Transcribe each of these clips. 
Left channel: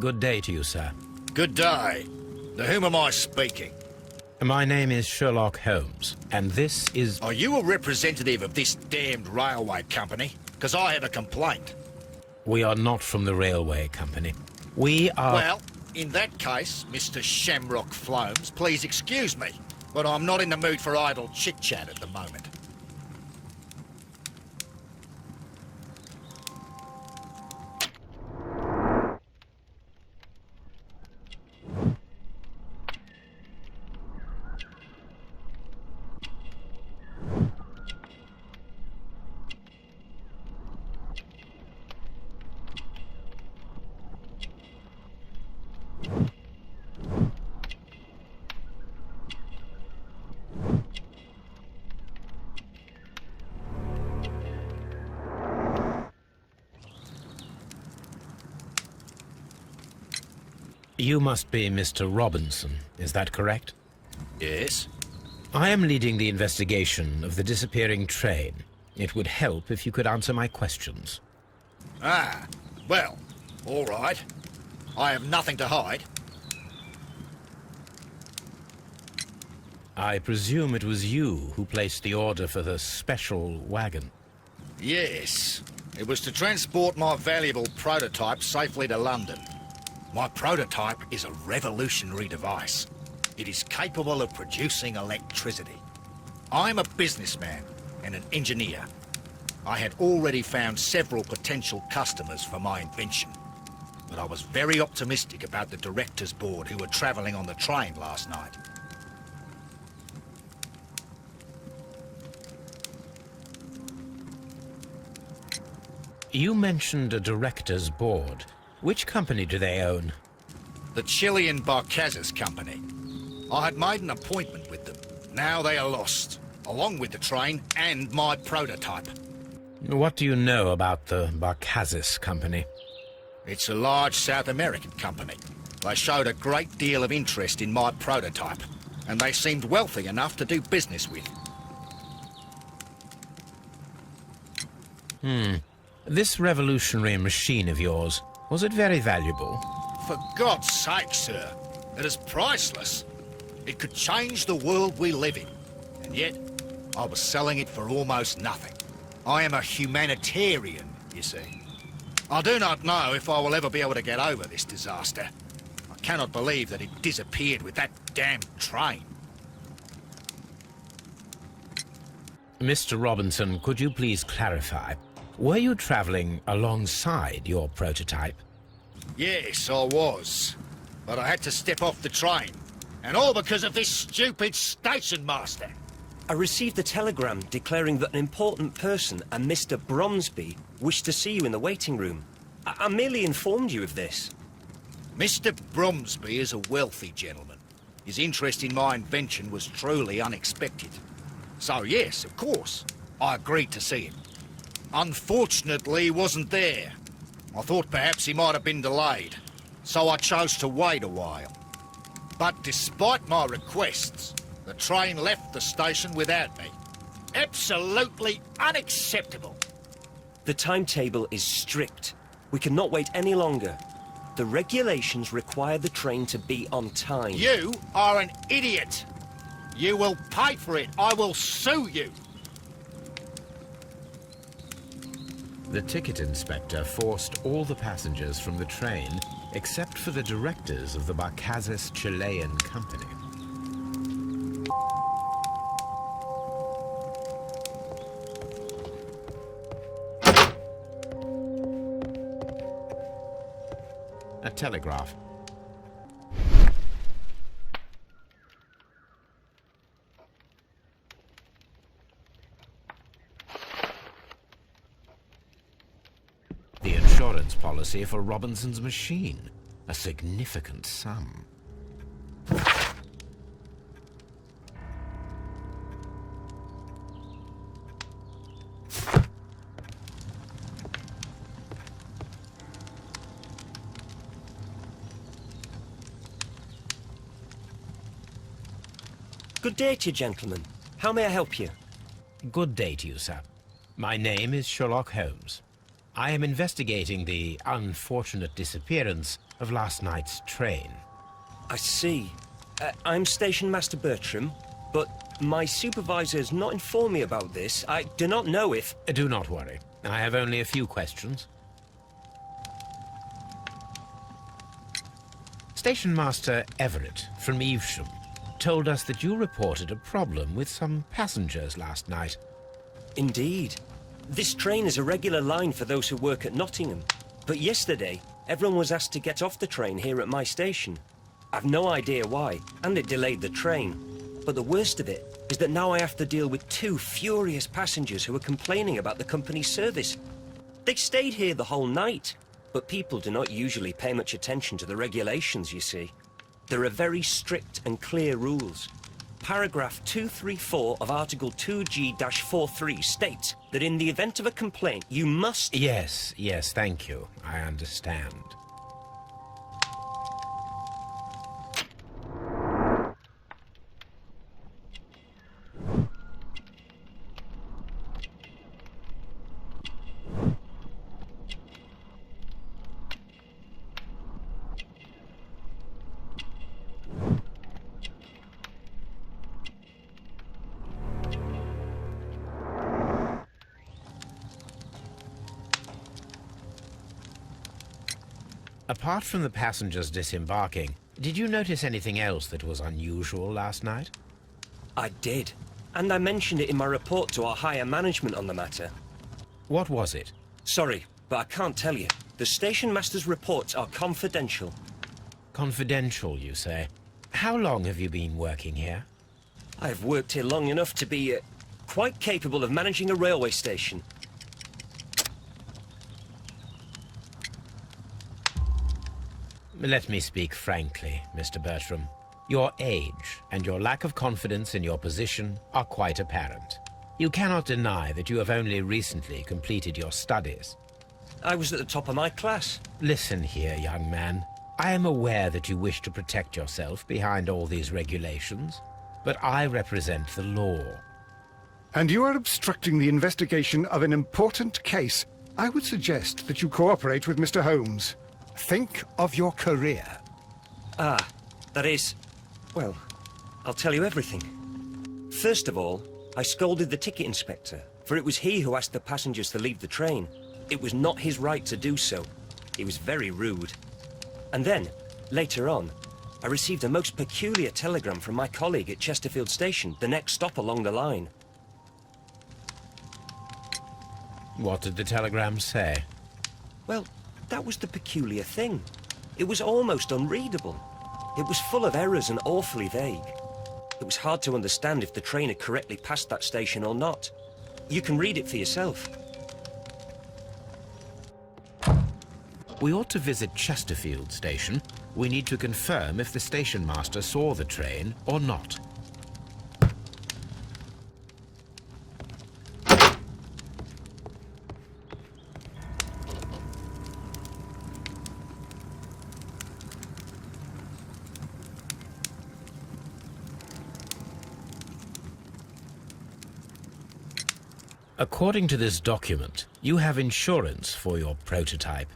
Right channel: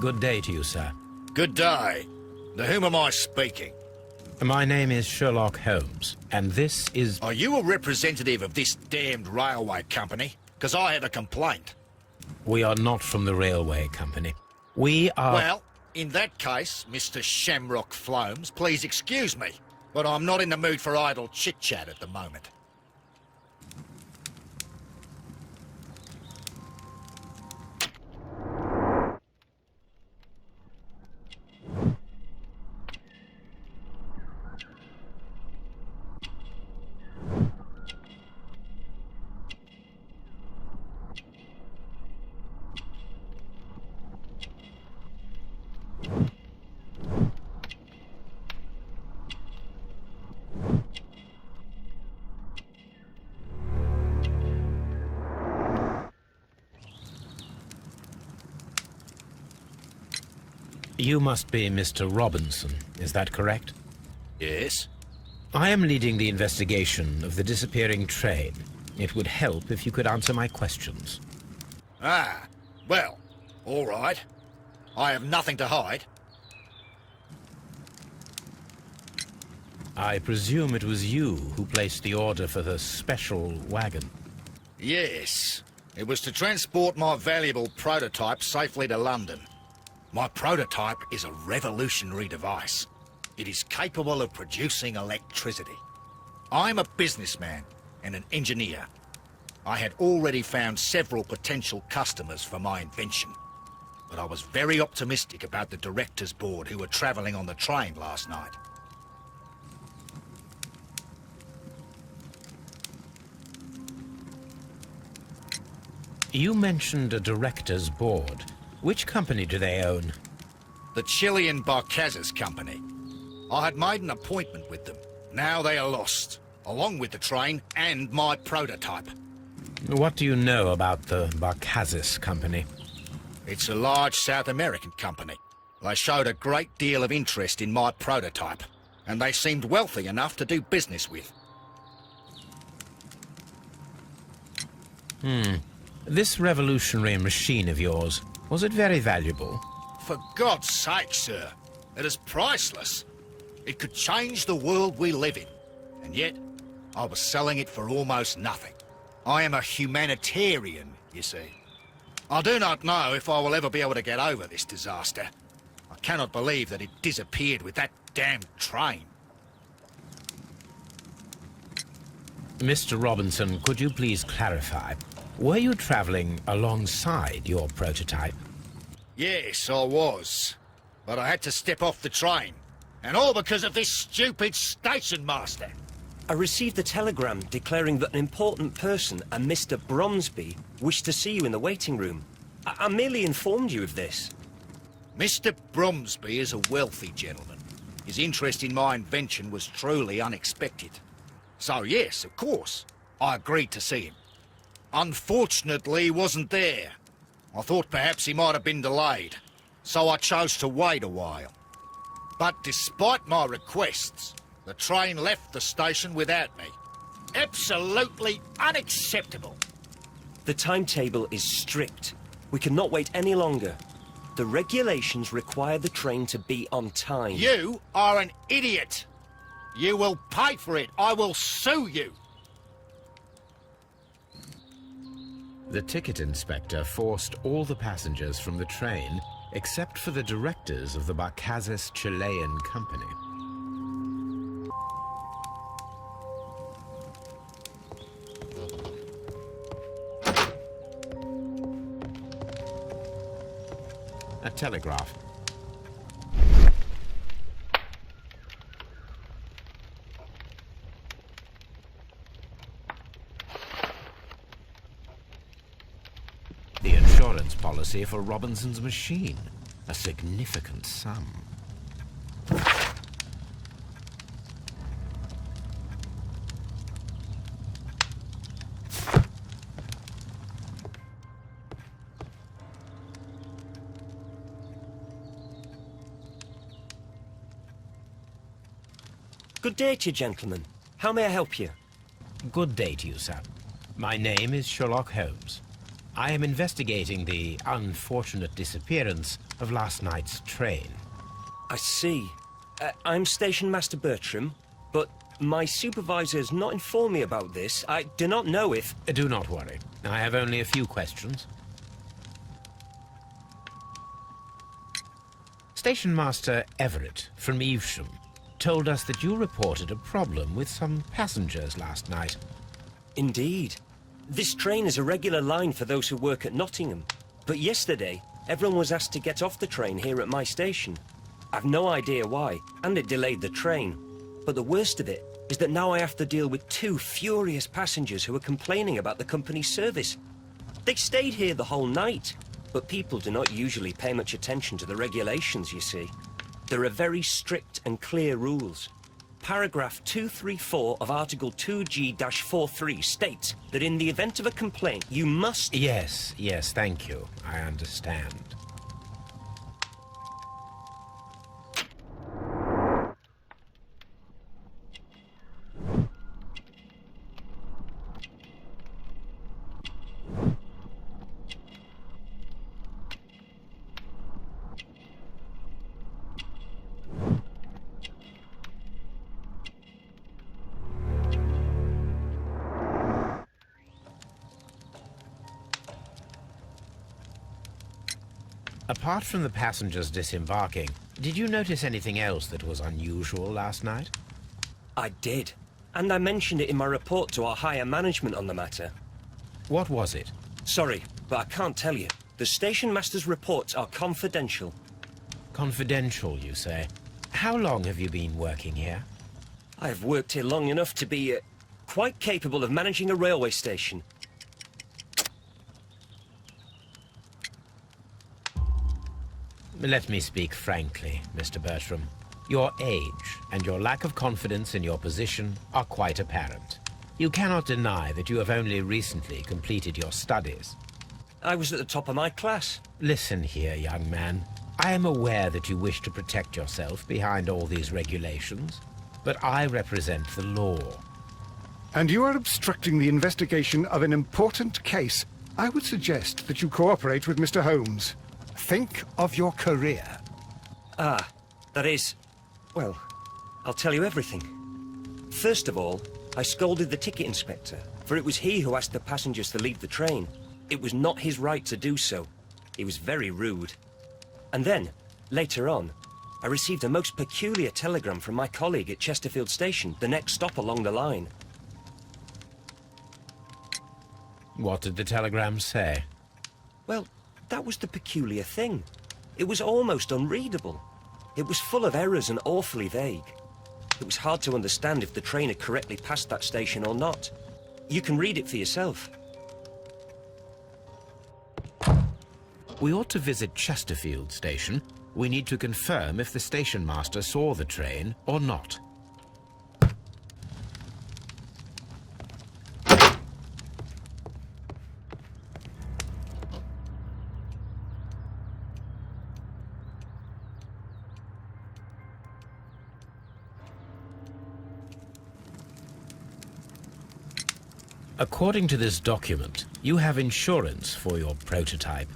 Good day to you, sir. Good day. To whom am I speaking? My name is Sherlock Holmes, and this is... Are you a representative of this damned railway company? Because I have a complaint. We are not from the railway company. We are... Well, in that case, Mr. Shamrock Flomes, please excuse me, but I'm not in the mood for idle chit-chat at the moment. You must be Mr. Robinson, is that correct? Yes? I am leading the investigation of the disappearing train. It would help if you could answer my questions. Ah, well, all right. I have nothing to hide. I presume it was you who placed the order for the special wagon. Yes. It was to transport my valuable prototype safely to London. My prototype is a revolutionary device. It is capable of producing electricity. I'm a businessman and an engineer. I had already found several potential customers for my invention, but I was very optimistic about the directors' board who were travelling on the train last night. You mentioned a director's board. Which company do they own? The Chilean Barcazes Company. I had made an appointment with them. Now they are lost, along with the train and my prototype. What do you know about the Barcazes Company? It's a large South American company. They showed a great deal of interest in my prototype, and they seemed wealthy enough to do business with. This revolutionary machine of yours, was it very valuable? For God's sake, sir, it is priceless. It could change the world we live in, and yet I was selling it for almost nothing. I am a humanitarian, you see. I do not know if I will ever be able to get over this disaster. I cannot believe that it disappeared with that damned train. Mr. Robinson, could you please clarify? Were you traveling alongside your prototype? Yes, I was. But I had to step off the train. And all because of this stupid station master. I received a telegram declaring that an important person, a Mr. Bromsby, wished to see you in the waiting room. I merely informed you of this. Mr. Bromsby is a wealthy gentleman. His interest in my invention was truly unexpected. So yes, of course, I agreed to see him. Unfortunately, he wasn't there. I thought perhaps he might have been delayed, so I chose to wait a while. But despite my requests, the train left the station without me. Absolutely unacceptable. The timetable is strict. We cannot wait any longer. The regulations require the train to be on time. You are an idiot. You will pay for it. I will sue you. The ticket inspector forced all the passengers from the train except for the directors of the Barcazes Chilean Company. A telegraph. The insurance policy for Robinson's machine. A significant sum. Good day to you, gentlemen. How may I help you? Good day to you, sir. My name is Sherlock Holmes. I am investigating the unfortunate disappearance of last night's train. I see. I'm Station Master Bertram, but my supervisor has not informed me about this. I do not know if... Do not worry. I have only a few questions. Station Master Everett from Evesham told us that you reported a problem with some passengers last night. Indeed. This train is a regular line for those who work at Nottingham. But yesterday, everyone was asked to get off the train here at my station. I've no idea why, and it delayed the train. But the worst of it is that now I have to deal with two furious passengers who are complaining about the company's service. They stayed here the whole night, but people do not usually pay much attention to the regulations, you see. There are very strict and clear rules. Paragraph 234 of Article 2G-43 states that in the event of a complaint, you must... Yes, thank you. I understand. Apart from the passengers disembarking, did you notice anything else that was unusual last night? I did. And I mentioned it in my report to our higher management on the matter. What was it? Sorry, but I can't tell you. The station master's reports are confidential. Confidential, you say? How long have you been working here? I've worked here long enough to be quite capable of managing a railway station. Let me speak frankly, Mr. Bertram. Your age and your lack of confidence in your position are quite apparent. You cannot deny that you have only recently completed your studies. I was at the top of my class. Listen here, young man. I am aware that you wish to protect yourself behind all these regulations, but I represent the law. And you are obstructing the investigation of an important case. I would suggest that you cooperate with Mr. Holmes. Think of your career. Ah, that is... Well, I'll tell you everything. First of all, I scolded the ticket inspector, for it was he who asked the passengers to leave the train. It was not his right to do so. He was very rude. And then, later on, I received a most peculiar telegram from my colleague at Chesterfield Station, the next stop along the line. What did the telegram say? Well, that was the peculiar thing. It was almost unreadable. It was full of errors and awfully vague. It was hard to understand if the train had correctly passed that station or not. You can read it for yourself. We ought to visit Chesterfield Station. We need to confirm if the station master saw the train or not. According to this document, you have insurance for your prototype.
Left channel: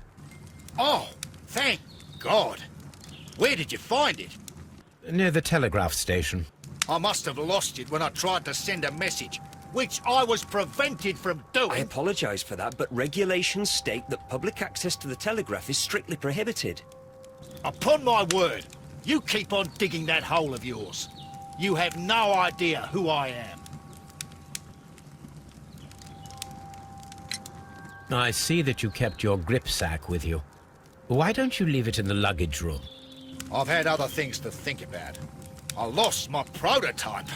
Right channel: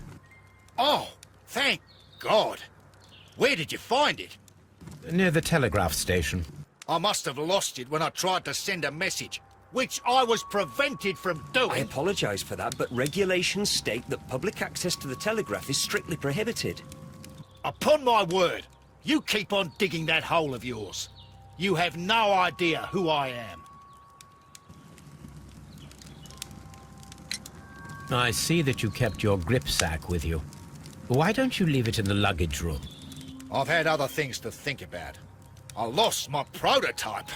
Oh, thank God. Where did you find it? Near the telegraph station. I must have lost it when I tried to send a message, which I was prevented from doing. I apologize for that, but regulations state that public access to the telegraph is strictly prohibited. Upon my word, you keep on digging that hole of yours. You have no idea who I am. I see that you kept your grip sack with you. Why don't you leave it in the luggage room? I've had other things to think about. I lost my prototype.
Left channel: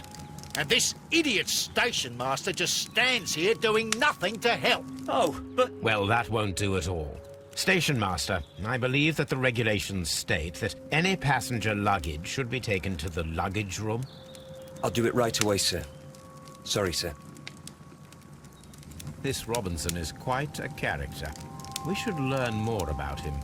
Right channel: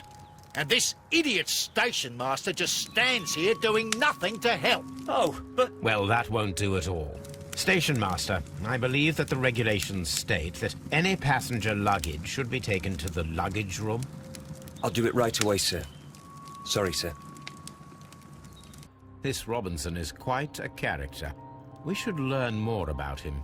And this idiot station master just stands here doing nothing to help. Oh, but... Well, that won't do at all. Station master, I believe that the regulations state that any passenger luggage should be taken to the luggage room. I'll do it right away, sir. Sorry, sir. This Robinson is quite a character. We should learn more about him.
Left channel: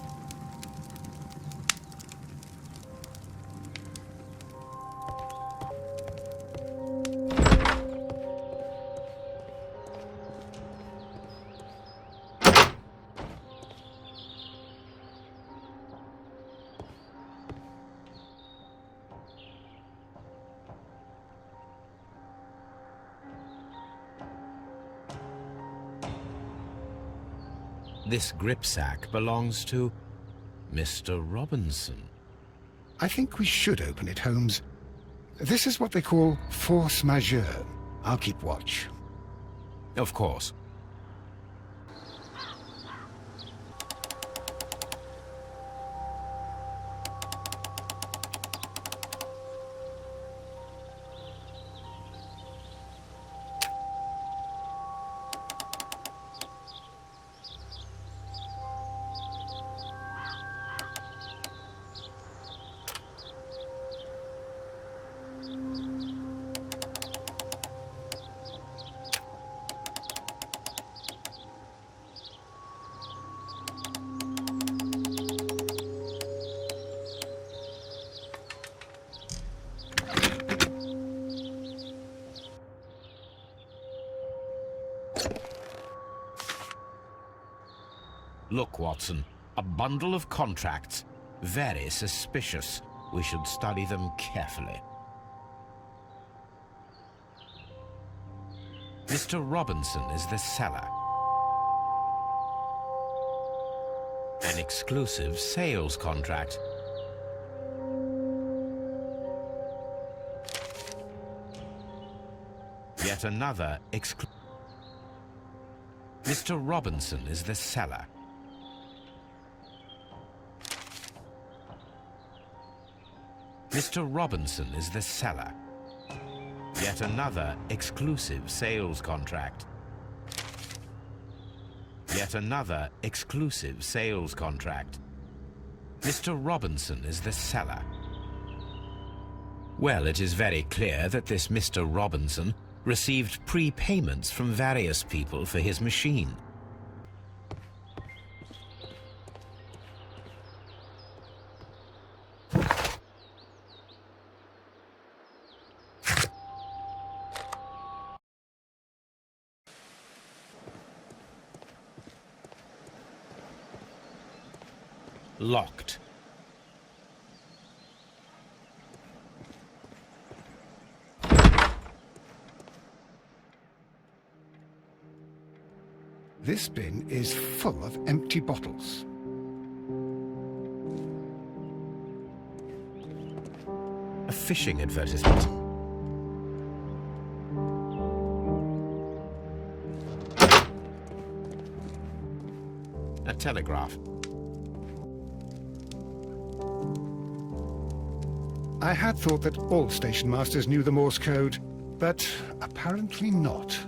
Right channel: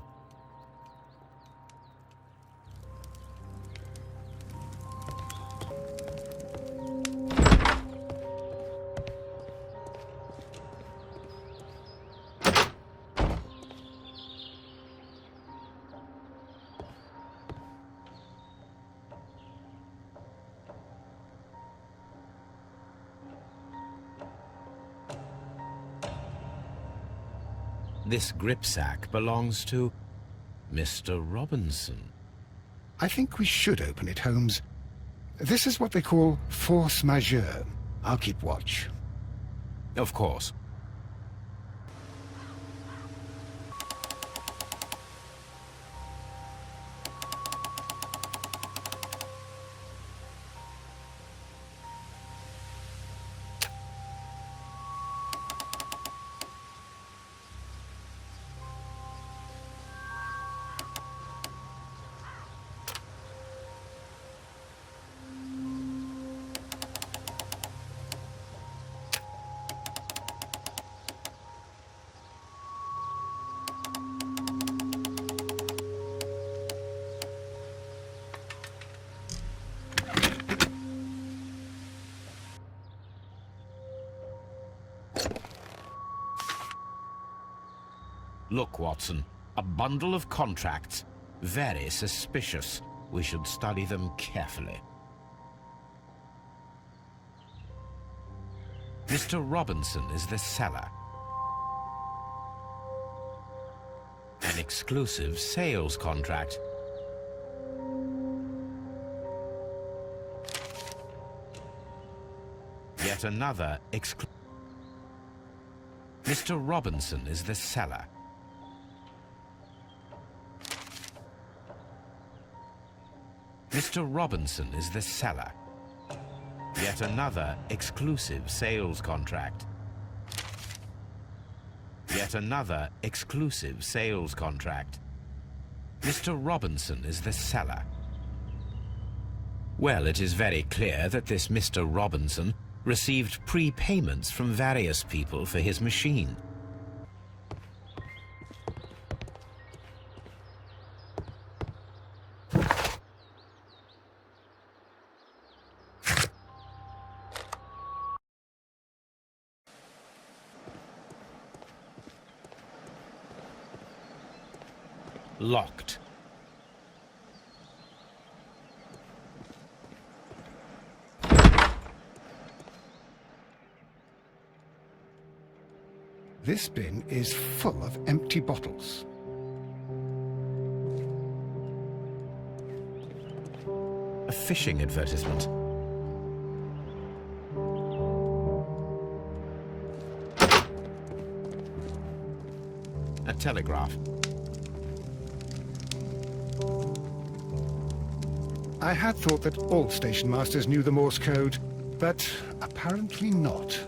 This gripsack belongs to Mr. Robinson. I think we should open it, Holmes. This is what they call force majeure. I'll keep watch. Of course. Look, Watson, a bundle of contracts. Very suspicious. We should study them carefully. Mr. Robinson is the seller. An exclusive sales contract. Yet another Mr. Robinson is the seller. Mr. Robinson is the seller. Yet another exclusive sales contract. Yet another exclusive sales contract. Mr. Robinson is the seller. Well, it is very clear that this Mr. Robinson received prepayments from various people for his machine. Locked. This bin is full of empty bottles. A fishing advertisement. A telegraph. I had thought that all station masters knew the Morse code, but apparently not.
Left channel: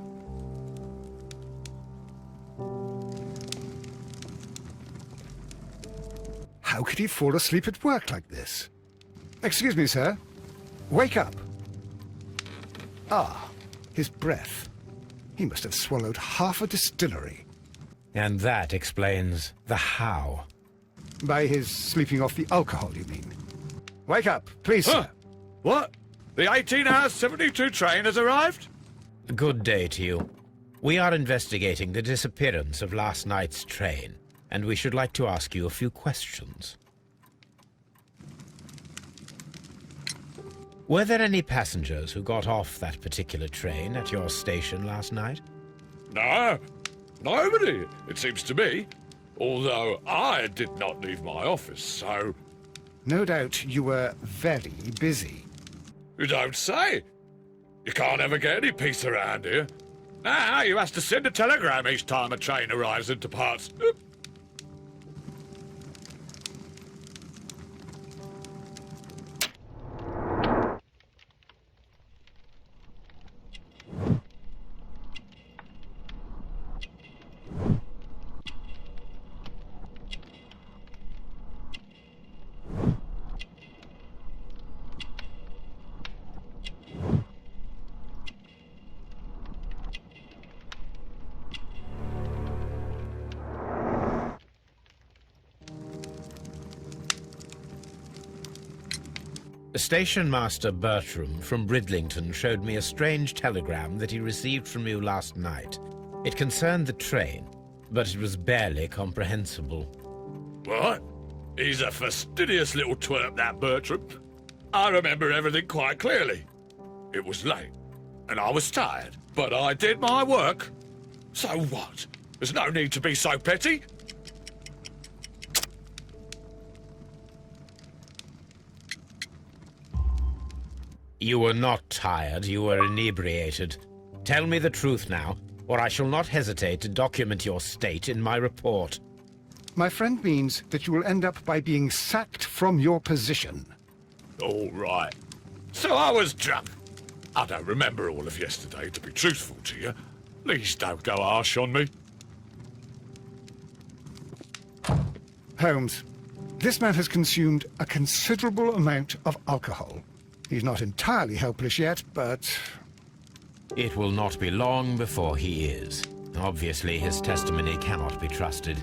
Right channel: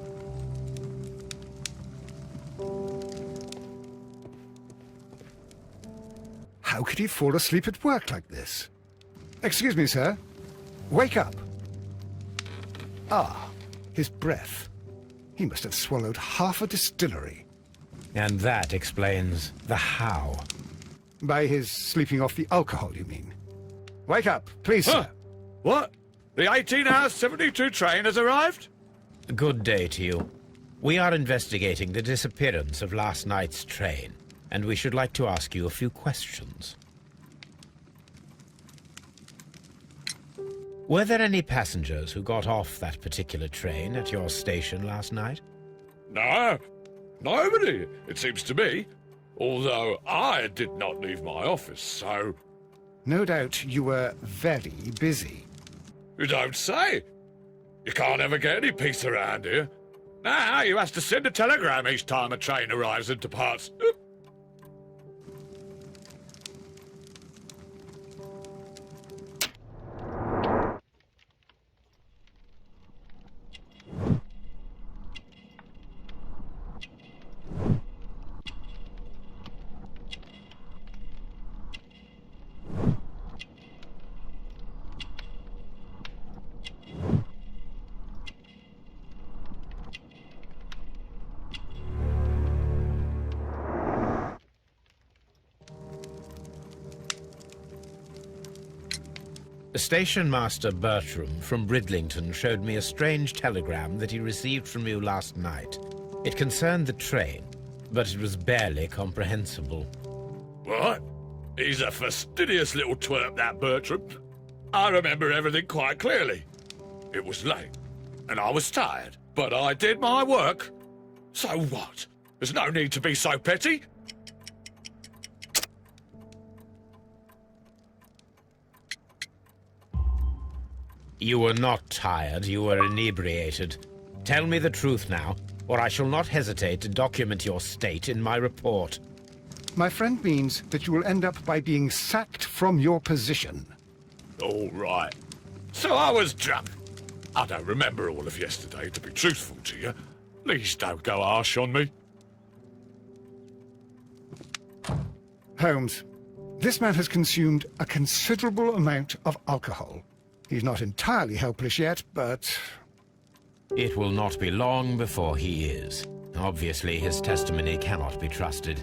How could he fall asleep at work like this? Excuse me, sir. Wake up. Ah, his breath. He must have swallowed half a distillery. And that explains the how. By his sleeping off the alcohol, you mean? Wake up, please, Huh? sir. What? The 18-hour 72 train has arrived? Good day to you. We are investigating the disappearance of last night's train, and we should like to ask you a few questions. Were there any passengers who got off that particular train at your station last night? No, nobody, it seems to me. Although I did not leave my office, so... No doubt you were very busy. You don't say. You can't ever get any peace around here. Now you have to send a telegram each time a train arrives and departs. Station Master Bertram from Bridlington showed me a strange telegram that he received from you last night. It concerned the train, but it was barely comprehensible. What? He's a fastidious little twerp, that Bertram. I remember everything quite clearly. It was late, and I was tired, but I did my work. So what? There's no need to be so petty. You were not tired, you were inebriated. Tell me the truth now, or I shall not hesitate to document your state in my report. My friend means that you will end up by being sacked from your position. All right. So I was drunk. I don't remember all of yesterday, to be truthful to you. Please don't go harsh on me. Holmes, this man has consumed a considerable amount of alcohol. He's not entirely helpless yet, but... It will not be long before he is. Obviously, his testimony cannot be trusted.